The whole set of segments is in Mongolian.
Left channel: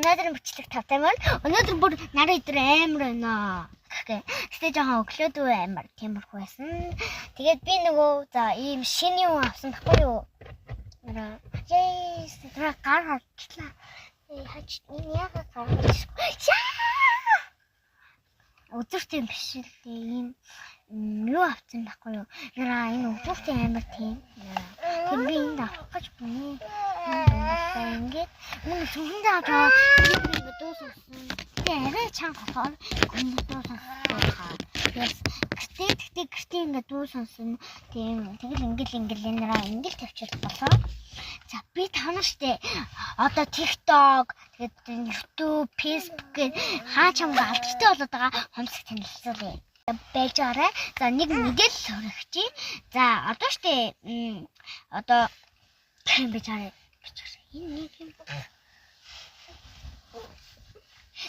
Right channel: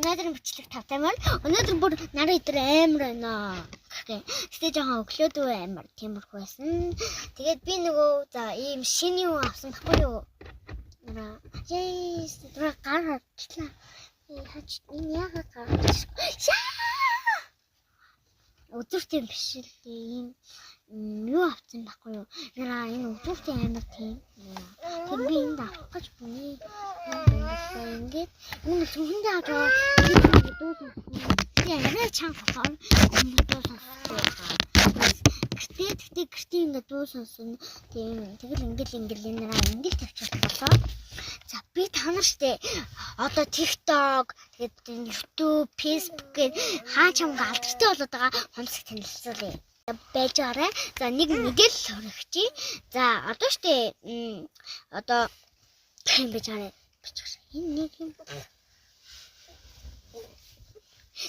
Өнөөдөр бичлэг 5 таймаар. Өнөөдөр бүр нарийн өдөр амар байна. Гэтэ жоохон өглөөдөө амар тиймэрхүү байсан. Тэгээд би нөгөө за ийм шинэ юу авсан баггүй юу? Нара yes тэр гар хачлаа. Хач энэ яга гар хачлаа. Өдөртөө биш л ийм юу авсан баггүй юу? Нара энэ өдөртөө амар тийм. Тэр би энд авах гэж бүний ингээд энэ сүхэндээ аваа дүүсэн. Арай чанга болохоор дүүсэн. Гэтээ ингээд дүүсэн. Тийм тэгэл ингээл энэраа ингээл тавьчих болоо. За би та нар штэ одоо TikTok тэгээд YouTube, Facebook гээд хаа чамгаа алдартай болоод байгаа хүмүүсийг танилцуулъя. Байж арай. За нэг мэдээлэл хүргэчих. За одоо штэ одоо тийм байж арай. Энэ нэг юм.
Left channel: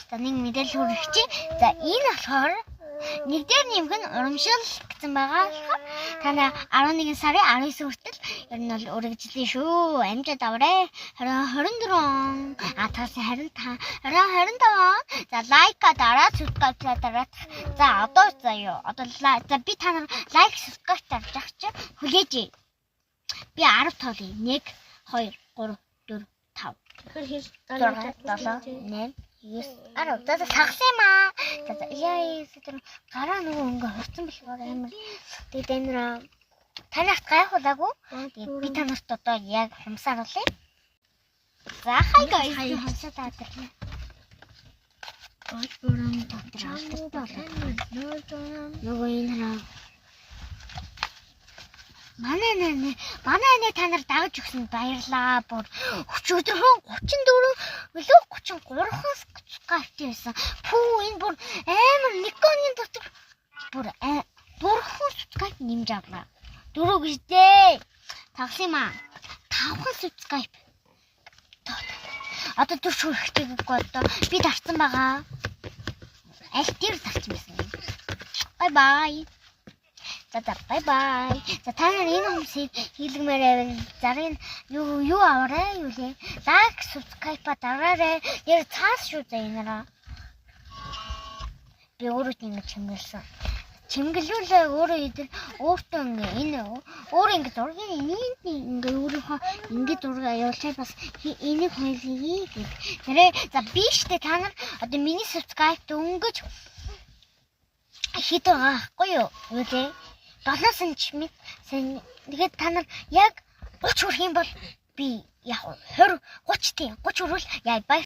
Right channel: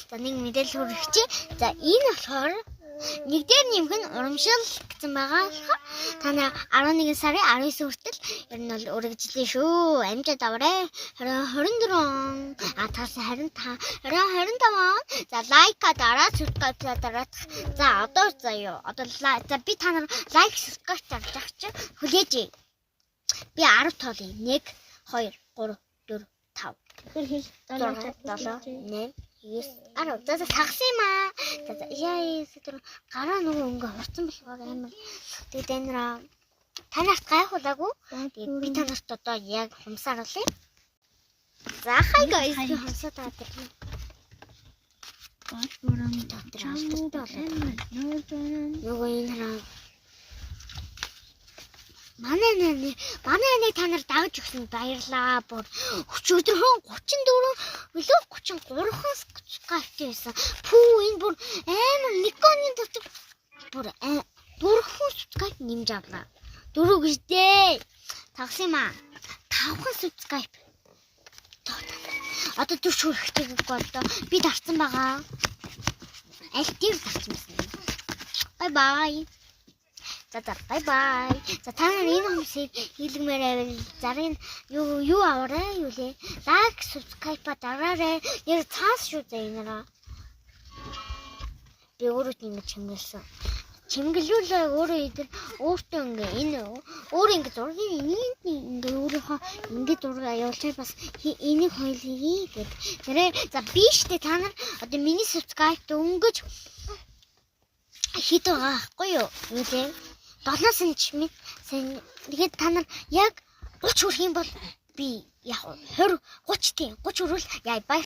За нэг мэдээлэл хүргэчих. За энэ болохоор нэг дээр нэмэх нь урамшил гэсэн байгаа. Тана 11 сарын 19 хүртэл ер нь бол үргэлжлэе шүү. Амжаад аваарэ. 24 атаас 25 25. За лайка дараа subscribe дараа. За одоо заяа. Одоо за би та нар лайк subscribe дарж ах чи хүлээж. Би 10 тоолъё. 1 2 3 4 5. Тэгэхээр хэл 7 8 9 10. За сагсан юм аа. За яа тэр гараа нөгөө ингээ хурцсан биш баг амар. Тэгээд энэ танаас гайхуулаагүй. Тэгээд би танарт одоо яг хумсааруулъя. За хай guys хумсаа таадэрнэ. Гайхуурын дотор алдсан нөгөө энэ Манай та нар дагаж өгсөнд баярлаа. Бүр өчигдрөө 34 өлөө 33 subscribe байсан. Пүү энэ бүр амар Nikon-ы дотор бүр 4 subscribe нэмж авлаа. 4 гэж дээ. Тагсан юм аа. 5 subscribe. Одоо 40 хүрэхтэйг одоо би дарсан байгаа. Аль дээр дарсан байсан. Bye bye. За bye bye. За та нар энэ хүмүүсийг хийлгмээр байвал зарын юу аваарай юу лээ. Лайк, subscribe дараарай. Нэр цаас шүү за энэраа. Би өөрөө ингэ чимгэлсэн. Чимгэлүүлээ өөрөө идэр өөртөө ингэ энэ өөрөө ингэ зургийн ингэ өөрийнхөө ингэ зураг явуулчаа бас энийг хойлгий гэд. Тэрээ за би штэ та нар одоо миний subscribe дөнгөж хит байгаа байхгүй юу? Юу лээ? 7 см. Тэгээд та нар яг 30 хүрэх юм бол би яг 20 30 тийм 30 хүрвэл яа бай